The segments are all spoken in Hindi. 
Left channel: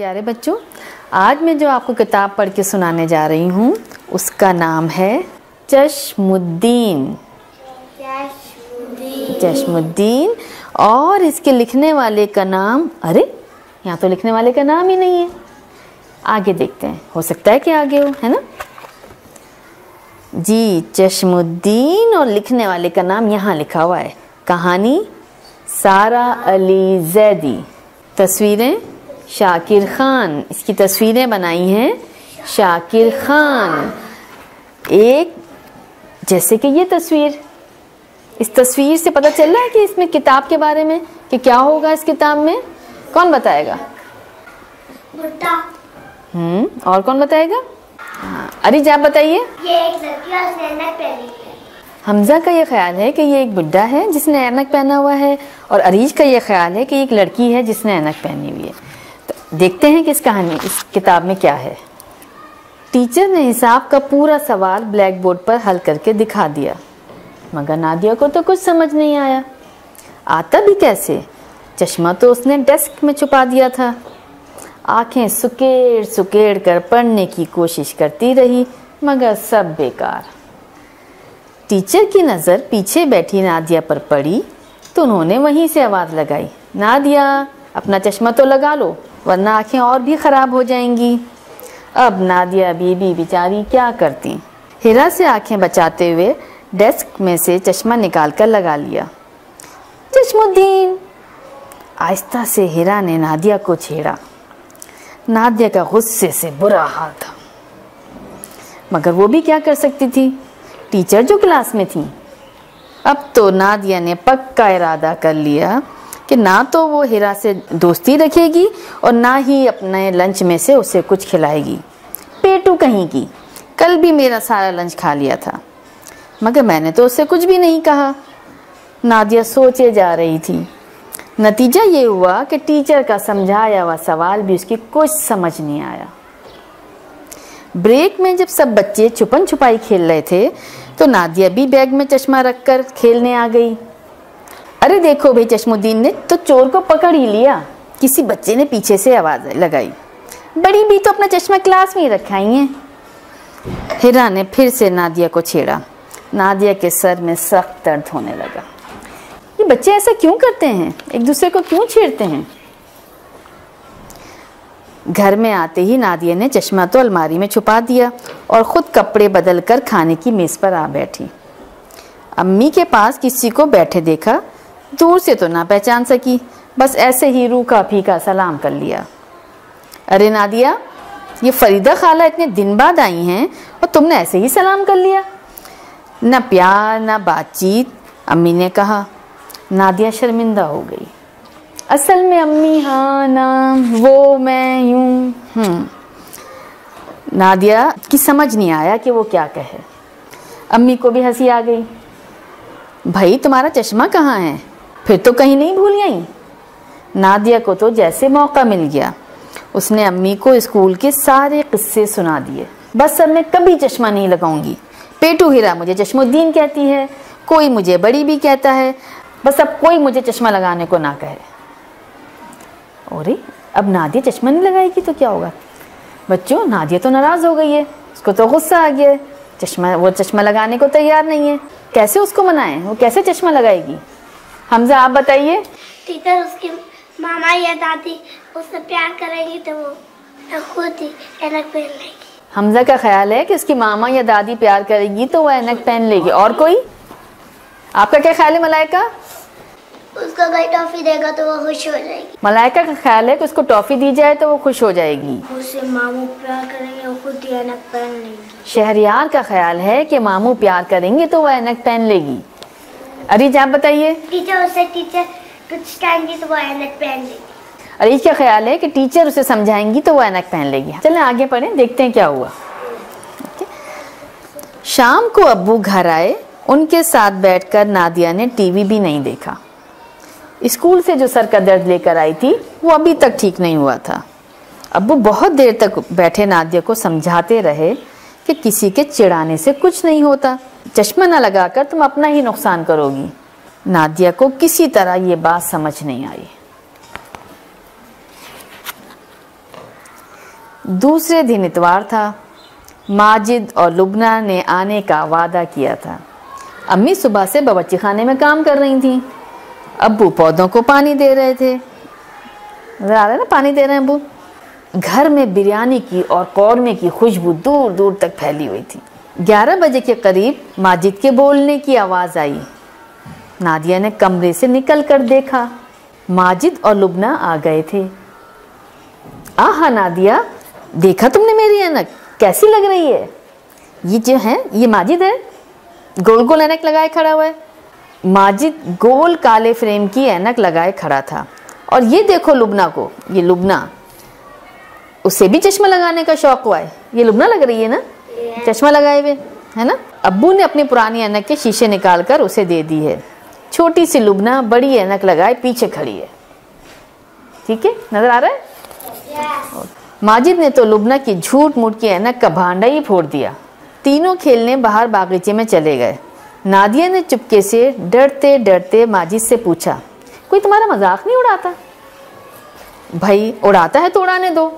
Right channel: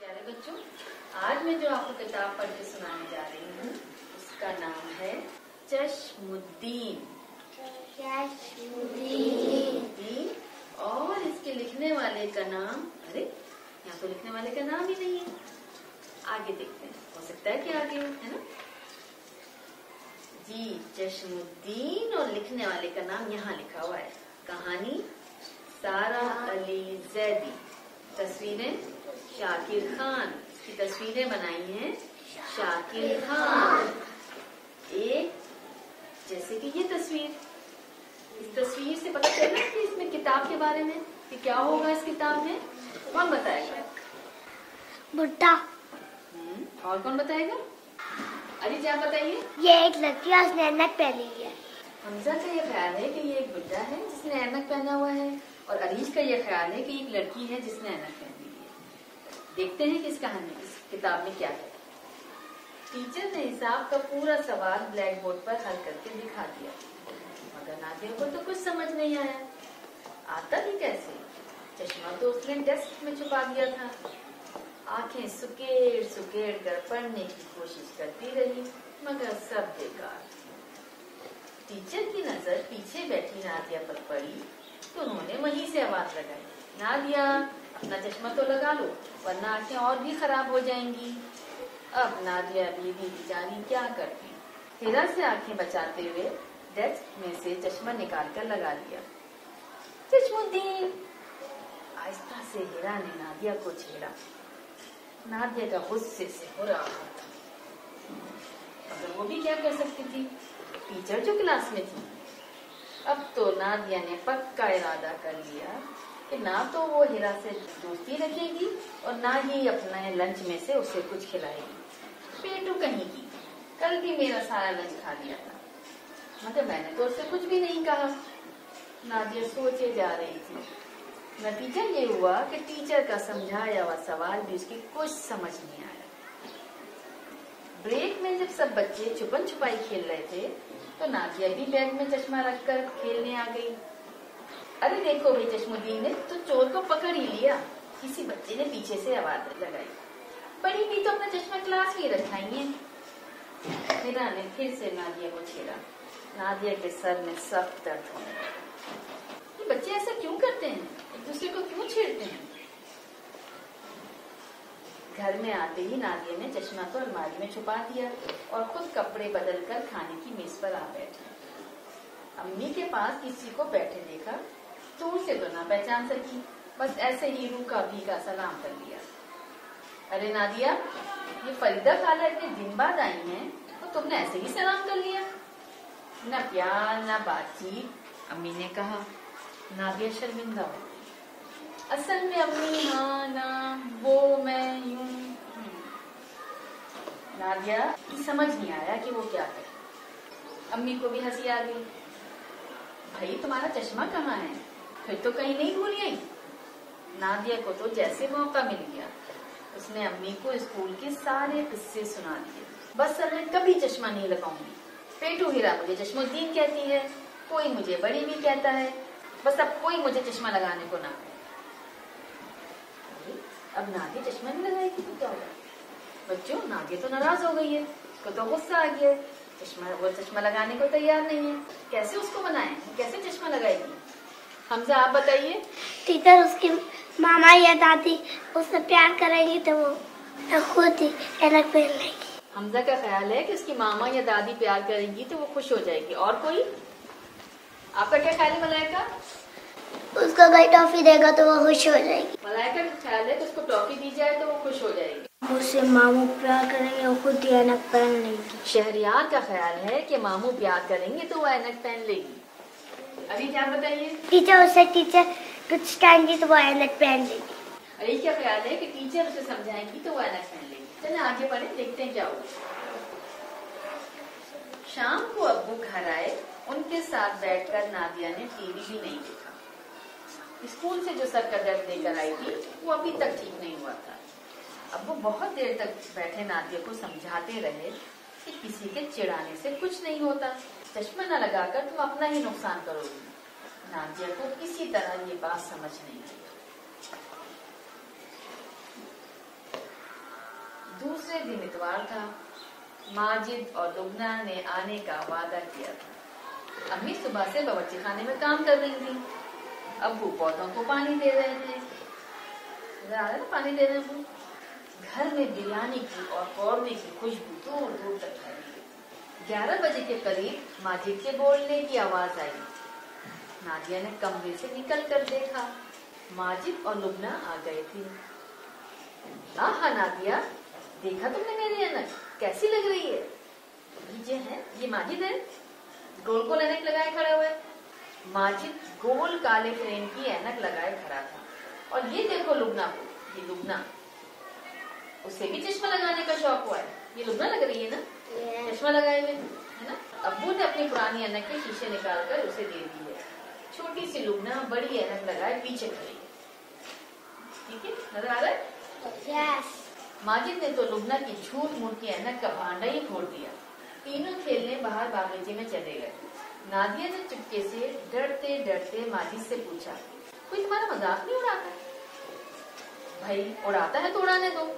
प्यारे बच्चों, आज मैं जो आपको किताब पढ़ के सुनाने जा रही हूँ उसका नाम है चश्मुद्दीन। चश्मुद्दीन। और इसके लिखने वाले का नाम, अरे यहाँ तो लिखने वाले का नाम ही नहीं है। आगे देखते हैं, हो सकता है कि आगे हो, है ना जी। चश्मुद्दीन और लिखने वाले का नाम यहाँ लिखा हुआ है। कहानी सारा अली जैदी, तस्वीरें शाकिर खान। इसकी तस्वीरें बनाई हैं शाकिर खान। एक जैसे कि ये तस्वीर, इस तस्वीर से पता चल रहा है कि इसमें किताब के बारे में कि क्या होगा इस किताब में। कौन बताएगा? भुट्टा। और कौन बताएगा? अरे आप बताइए। ये एक लड़की है, उसने ऐनक पहनी है। हमजा का ये ख्याल है कि ये एक बुड्ढा है जिसने ऐनक पहना हुआ है, और अरीज का ये ख्याल है कि एक लड़की है जिसने ऐनक पहनी हुई है। तो देखते हैं कि इस कहानी, इस किताब में क्या है। टीचर ने हिसाब का पूरा सवाल ब्लैक बोर्ड पर हल करके दिखा दिया, मगर नादिया को तो कुछ समझ नहीं आया। आता भी कैसे? चश्मा तो उसने डेस्क में छुपा दिया था। आंखें सुकेड़ सुकेड़ कर पढ़ने की कोशिश करती रही, मगर सब बेकार। टीचर की नज़र पीछे बैठी नादिया पर पड़ी तो उन्होंने वहीं से आवाज़ लगाई, नादिया अपना चश्मा तो लगा लो, वरना आंखें और भी ख़राब हो जाएंगी। अब नादिया बीबी बेचारी क्या करती। हिरा से आंखें बचाते हुए डेस्क में से चश्मा निकाल कर लगा लिया। चश्मुद्दीन, आहिस्ता से हिरा ने नादिया को छेड़ा। नादिया का गुस्से से बुरा हाल था, मगर वो भी क्या कर सकती थी, टीचर जो क्लास में थी। अब तो नादिया ने पक्का इरादा कर लिया कि ना तो वो हिरा से दोस्ती रखेगी और ना ही अपने लंच में से उसे कुछ खिलाएगी। पेटू कहीं की, कल भी मेरा सारा लंच खा लिया था, मगर मैंने तो उससे कुछ भी नहीं कहा। नादिया सोचे जा रही थी। नतीजा ये हुआ कि टीचर का समझाया हुआ सवाल भी उसकी कुछ समझ नहीं आया। ब्रेक में जब सब बच्चे छुपन छुपाई खेल रहे थे तो नादिया भी बैग में चश्मा रखकर खेलने आ गई। अरे देखो भाई, चश्मुद्दीन ने तो चोर को पकड़ ही लिया, किसी बच्चे ने पीछे से आवाज़ लगाई। बड़ी भी तो अपना चश्मा क्लास में ही रखा ही है। हिरा ने फिर से नादिया को छेड़ा। नादिया के सर में सख्त दर्द होने लगा। ये बच्चे ऐसा क्यों करते हैं, एक दूसरे को क्यों छेड़ते हैं? घर में आते ही नादिया ने चश्मा तो अलमारी में छुपा दिया और ख़ुद कपड़े बदल कर खाने की मेज़ पर आ बैठी। अम्मी के पास किसी को बैठे देखा, दूर से तो ना पहचान सकी, बस ऐसे ही रूखा फीका सलाम कर लिया। अरे नादिया, ये फरीदा खाला इतने दिन बाद आई हैं और तुमने ऐसे ही सलाम कर लिया, न प्यार न बातचीत। अम्मी ने कहा। नादिया शर्मिंदा हो गई। असल में अम्मी, हाँ ना वो मैं यूं। नादिया की समझ नहीं आया कि वो क्या कहे। अम्मी को भी हंसी आ गई। भाई तुम्हारा चश्मा कहाँ है? फिर तो कहीं नहीं भूल गई? नादिया को तो जैसे मौका मिल गया, उसने अम्मी को स्कूल के सारे किस्से सुना दिए। बस अब मैं कभी चश्मा नहीं लगाऊंगी। पेटू हिरा मुझे चश्मुद्दीन कहती है, कोई मुझे बड़ी भी कहता है, बस अब कोई मुझे चश्मा लगाने को ना कहे। अरे अब नादिया चश्मा नहीं लगाएगी तो क्या होगा? बच्चों, नादिया तो नाराज़ हो गई है, उसको तो गुस्सा आ गया है। वो चश्मा लगाने को तैयार नहीं है। कैसे उसको मनाएं? वो कैसे चश्मा लगाएगी? हमजा आप बताइए। टीचर उसकी मामा या दादी उससे प्यार करेंगी तो वो खुद ही ऐनक पहन लेगी। हमजा का ख्याल है कि उसकी मामा या दादी प्यार करेगी तो वो ऐनक पहन लेगी। और कोई? आपका क्या ख्याल है मलाइका? उसको कोई टॉफी देगा तो वो खुश हो जाएगी। मलाइका का ख्याल है कि उसको टॉफी दी जाए तो वो खुश हो जाएगी। उससे मामू प्यार करेंगे, वो खुद ही ऐनक पहन लेगी। शहरियार का ख्याल है कि मामू प्यार करेंगे तो वो ऐनक पहन लेगी। अरीज आप बताइए। टीचर कुछ कहेंगी तो वो ऐनक पहन लेगी। अरीज का ख्याल है कि टीचर उसे समझाएंगी तो वो ऐनक पहन लेगी। चलें आगे पढ़ें, देखते हैं क्या हुआ। शाम को अब्बू घर आए। उनके साथ बैठकर नादिया ने टीवी भी नहीं देखा। स्कूल से जो सर का दर्द लेकर आई थी वो अभी तक ठीक नहीं हुआ था। अब्बू बहुत देर तक बैठे नादिया को समझाते रहे कि किसी के चिढ़ाने से कुछ नहीं होता, चश्मा न लगाकर तुम अपना ही नुकसान करोगी। नादिया को किसी तरह ये बात समझ नहीं आई। दूसरे दिन इतवार था। माजिद और लुबना ने आने का वादा किया था। अम्मी सुबह से बावर्ची खाने में काम कर रही थी। अब्बू पौधों को पानी दे रहे थे। नजर आ रहा है ना, पानी दे रहे हैं अब्बू। घर में बिरयानी की और कौरमे की खुशबू दूर दूर तक फैली हुई थी। 11 बजे के करीब माजिद के बोलने की आवाज़ आई। नादिया ने कमरे से निकल कर देखा, माजिद और लुबना आ गए थे। आहा नादिया, देखा तुमने मेरी ऐनक कैसी लग रही है? ये जो है ये माजिद है, गोल गोल ऐनक लगाए खड़ा हुआ है। माजिद गोल काले फ्रेम की ऐनक लगाए खड़ा था। और ये देखो लुबना को, ये लुबना, उसे भी चश्मा लगाने का शौक हुआ है। ये लुबना लग रही है ना, चश्मा लगाए हुए, है ना। अब्बू ने अपनी पुरानी ऐनक के शीशे निकाल कर उसे दे दी है। छोटी सी लुबना बड़ी ऐनक लगाए पीछे खड़ी है। ठीक है, नजर आ रहा है? माजिद ने तो लुबना की झूठ मूठ की ऐनक का भांडा ही फोड़ दिया। तीनों खेलने बाहर बागीचे में चले गए। नादिया ने चुपके से डरते डरते माजिद से पूछा, कोई तुम्हारा मजाक नहीं उड़ाता? भाई उड़ाता है तो उड़ाने दो,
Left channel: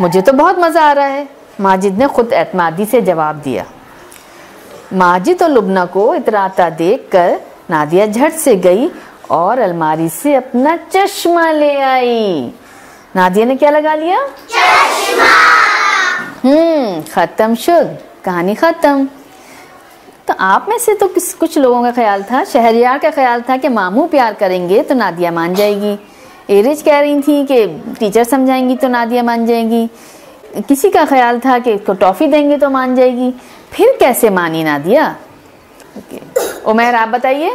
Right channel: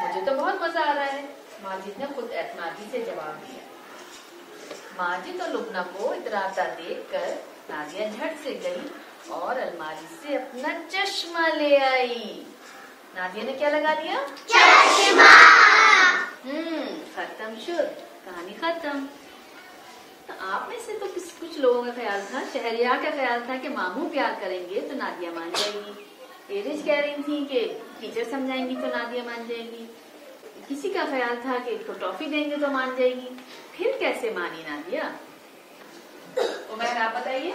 मुझे तो बहुत मज़ा आ रहा है, माजिद ने खुद एतमादी से जवाब दिया। माजिद और लुबना को इतराता देखकर नादिया झट से गई और अलमारी से अपना चश्मा ले आई। नादिया ने क्या लगा लिया? चश्मा। खत्म शुद, कहानी खत्म। तो आप में से तो कुछ लोगों का ख्याल था, शहरियार का ख्याल था कि मामू प्यार करेंगे तो नादिया मान जाएगी। एरिज कह रही थी कि टीचर समझाएंगी तो नादिया मान जाएगी। किसी का ख्याल था कि इसको टॉफ़ी देंगे तो मान जाएगी। फिर कैसे मानी नादिया? उमैर आप बताइए।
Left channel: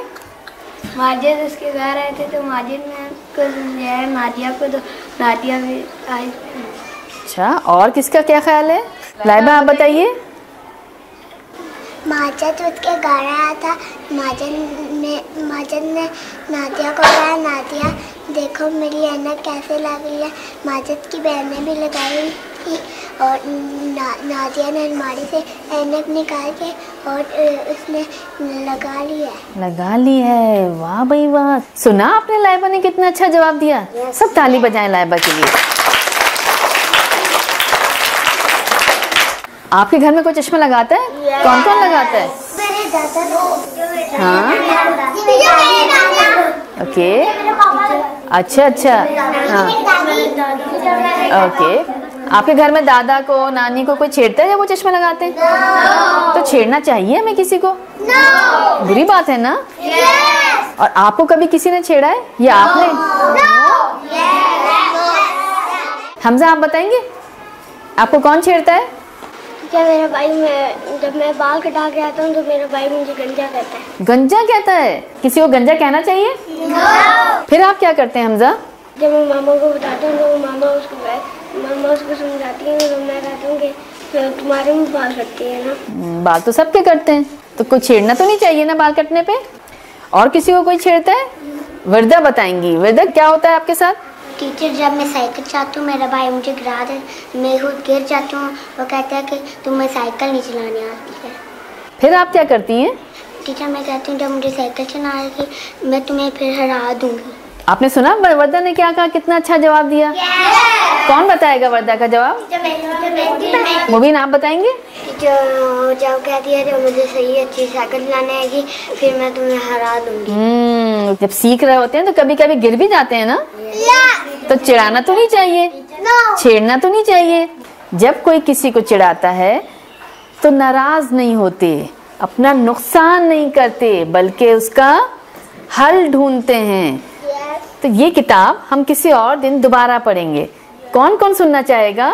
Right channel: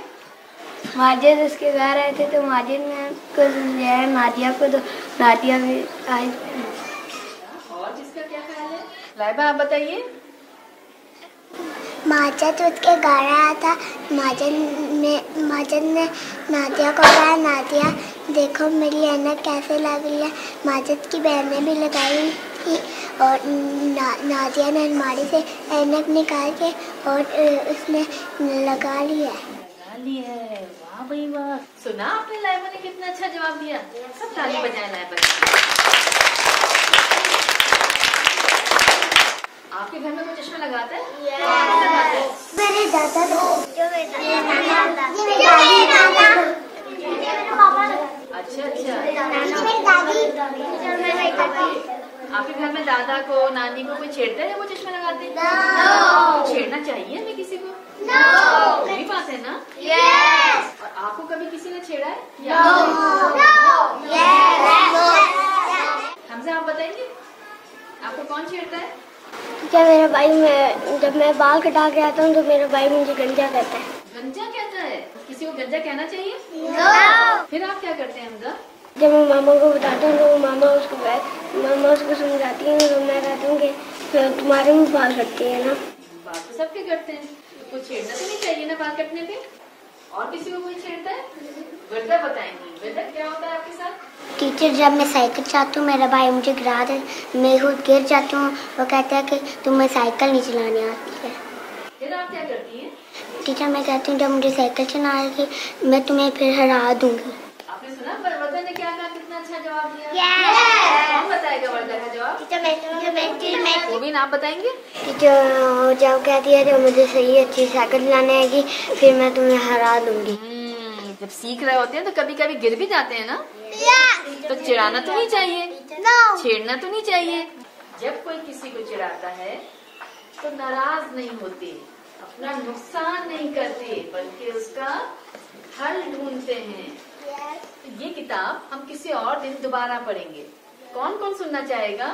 माजिद उसके घर आए थे तो माजिद ने को समझाया नादिया को, तो नादिया भी आई। अच्छा, और किसका क्या ख्याल है? लाइबा आप बताइए। माजिद उसके घर आया था। माजिद ने नादिया को कहा, नादिया देखो मेरी ऐनक कैसे लग रही है। माजिद की बहनें भी लगाई थी और नादिया ने अलमारी से ऐनक निकाल के और उसने लगा ली है। वाह भाई वाह। सुना आपने लाइबा ने कितना अच्छा जवाब दिया? सब ताली बजाएं लाइबा के लिए। आपके घर में कोई चश्मा लगाता है? कौन कौन लगाता है? मेरे दादा। ओके, अच्छा हाँ, ओके। आपके घर में दादा को नानी को कोई छेड़ता है जब वो चश्मा लगाते हैं? तो छेड़ना चाहिए हमें किसी को? बुरी बात है ना? और आपको कभी किसी ने छेड़ा है या आपने? हमजा आप बताएंगे, आपको कौन छेड़ता है? क्या मेरा भाई, जब मैं बाल कटा के आता हूँ तो मेरा भाई मुझे गंजा कहता है। गंजा कहता है? किसी को गंजा कहना चाहिए? फिर आप क्या करते हैं हमजा? जब मैं मामा को बताता हूँ तो मामा उसको समझाती है तो मैं कहता हूँ कि तुम्हारे भी बाल कटते हैं ना। बाल तो सबके कटते हैं, तो कोई छेड़ना तो नहीं चाहिए ना बाल कटने पे। और किसी को कोई छेड़ता है? वर्दा बताएंगी। वर्दा क्या होता है आपके साथ? टीचर, जब मैं साइकिल चलाती हूँ मेरा भाई मुझे गिरा दे, मैं खुद गिर जाती हूँ। वो कहता है कि तुम्हें साइकिल नहीं चलानी आती है। फिर आप क्या करती हैं? टीचर, मैं कहती हूँ जब मुझे साइकिल चलाना आएगी मैं तुम्हें फिर हरा दूंगी। आपने सुना वर्दा ने क्या कहा? कितना अच्छा जवाब दिया। कौन बताएगा वर्दा का जवाब? मुबीन आप बताएंगे। जब कहती है जब मुझे सही अच्छी साइकिल चलाने आएगी फिर मैं तुम्हें हरा दूंगी। जब सीख रहे होते हैं तो कभी कभी गिर भी जाते हैं ना, तो चिढ़ाना तो नहीं चाहिए, छेड़ना तो नहीं चाहिए। जब कोई किसी को चिढ़ाता है तो नाराज नहीं होते, अपना नुकसान नहीं करते, बल्कि उसका हल ढूंढते हैं। तो ये किताब हम किसी और दिन दोबारा पढ़ेंगे। कौन कौन सुनना चाहेगा?